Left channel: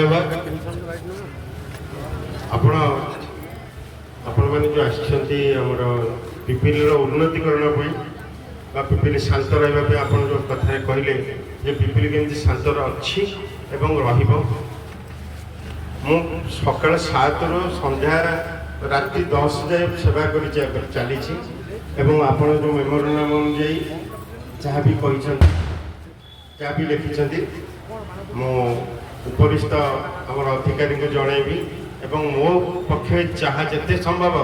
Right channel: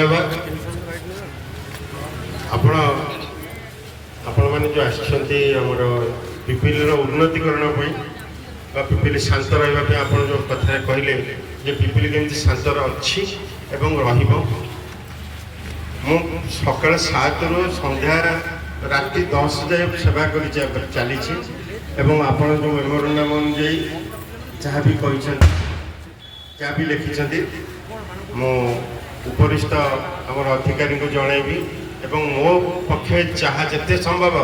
धन्यवाद आपण मैंने जो आमर पिपिली उन्नतिकरण पिपिली शांत रही आप जो कथा कहले पिपिली केमती शांत अच्छी मु सका 7 रु संध्या राति 10 जाए सेवा कर चली आप जो मेमोरेंडम अनुजाई जहाँ भी जहाँ भी लिखिं मो उपरिस्थ आम अधिकारी को जनइबी एवं मो पक्षे जहाँ जिते संभव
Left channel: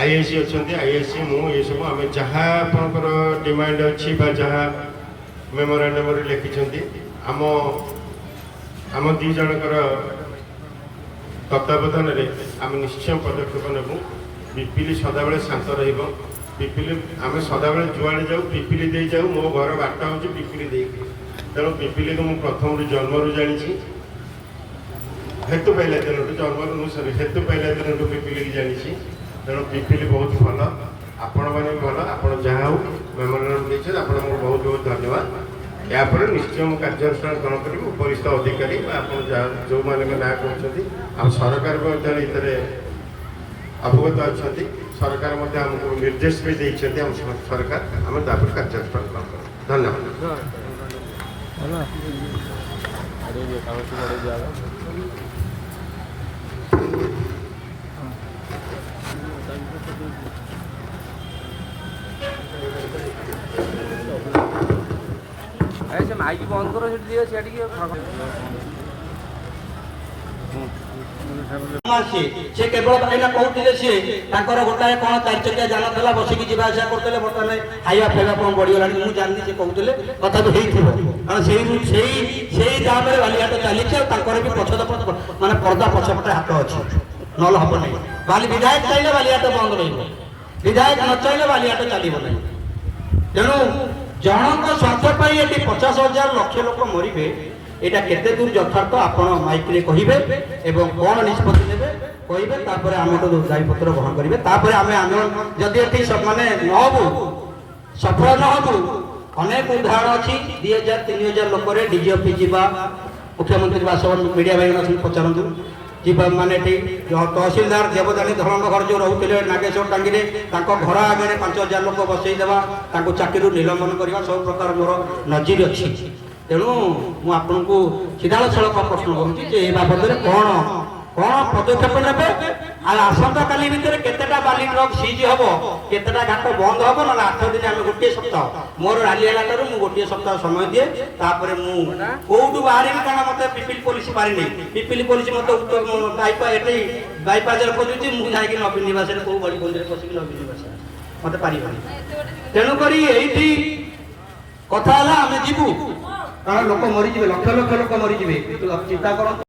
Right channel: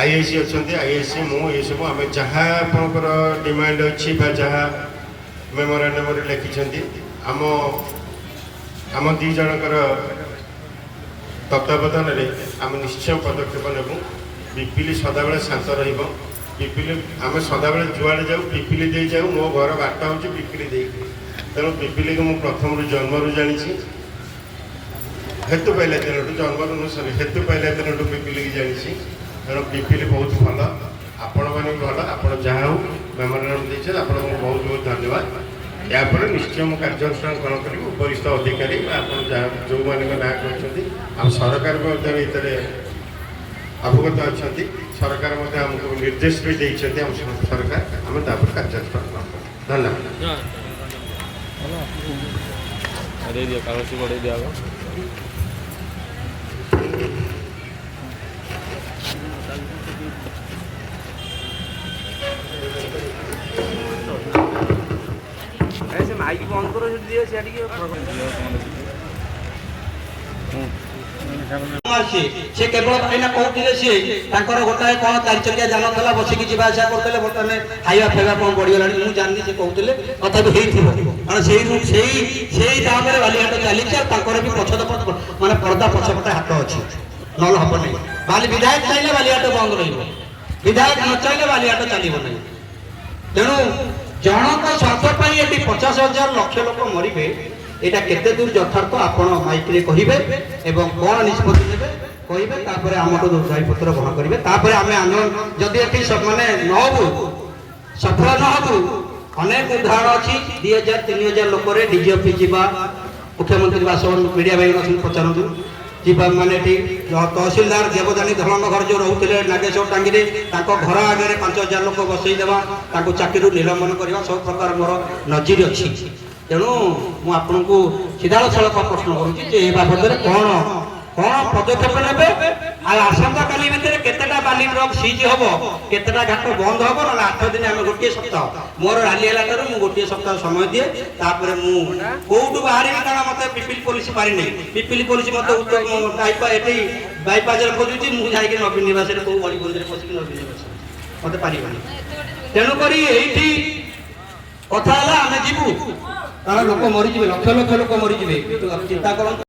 आईआईसी अच्छा आईआईसी मु ये सब आम जहाँ आपंकर डिमांड अच्छी जहाँ मेमोरेंडम लिखिं आम दी जनकर तत्वावधान आम निश्चय पदक्षेप नेबू पिपिली सदाबले शांत पिपिली आम सदाबले जुआड़े जाऊ पिपिली दे जाऊ मो घर बाटा हूँ पिपिली दे तेणु पिपिली को मुझे प्रथम जन्मरू जानी हेतु पाइला दिन जन्म हेतु पाइला दिन पिपिली की जानी तेणु पिपिली बहुत भल आपण मैंने भल आप जहाँ हो मेमोरेंडम देखिए आपको बहुत बहुत धन्यवाद यापर निश्चय मुझे कार्यानुष्ठान ग्रहण करी उपरिस्थ अधिकारी जो मैंने ना कहते सरकार अवगत अच्छा सरकार आमको निर्देश भी देते सरकार आम कार्यानुष्ठान धन्यवाद से केवल कहना कहते गोटाए कौन 4 चकिया जान था बसिकी जा करते बर्तमान खाଇବା फेगा कौन बढ़ीगला मुझे जानी से कहते तथा कारण से दाम में बालीघाट चली भी पछ मानने पर्दा पछपटे हाथ अच्छे ना हम ना बाली विधायक चाहिए बालीघाट बंद रही विधायक न चाहिए बालीघाट चलो ना तेणु जनक स्वार्थ 50,000 लक्ष लोक मरबे एटा केते दूर यथार्थ आपण माइक रे कहिबे एवं कोन निष्पत्ति नेबे कहिबे तापर हमको दायित्व ग्रहण करिवे तापर आमे जदि एठी माने नहबु सफल नहबु अनेक उदाहरण अछि 2000-3000 लोक रे डीजीपी जीवा मुख्यमंत्री बासवन मीडिया भाई नथि पचारंतु जीवा माने एठी तहसीलदार देवदानी धरण घर जो रहउतिले नागेश्वर टांगी रे ताको घर आगे 5000 लोक बसई देबा ताको चाकरी निलंबन करबा सब प्रकार मोर नजीर अछि तेणु मुझे सीधा सड़क प्रश्न करुँच बाबद कौन कौन पदक्षेप ने आसंता काली भितर केतेटा बाली ट्रक सीज हम केतेटा घाट बंद हम ना 8 दिन आम गोटे सप्ताह मोर राली है मुझे गोटे सप्ताह समय दिए तापर मुझे बाहर मत पिपिली पुलिस मारी नहीं पिपिली पुलिस मत बाईपास खोजुची मुझे नवीन निवास कौ बड़ी बंदी पशिक नवीन निवास मत पार तेणुक ये कथा आम जीवु कारण लोक मरीजे लक्ष लक्ष लोक मरीजे चिंता कर।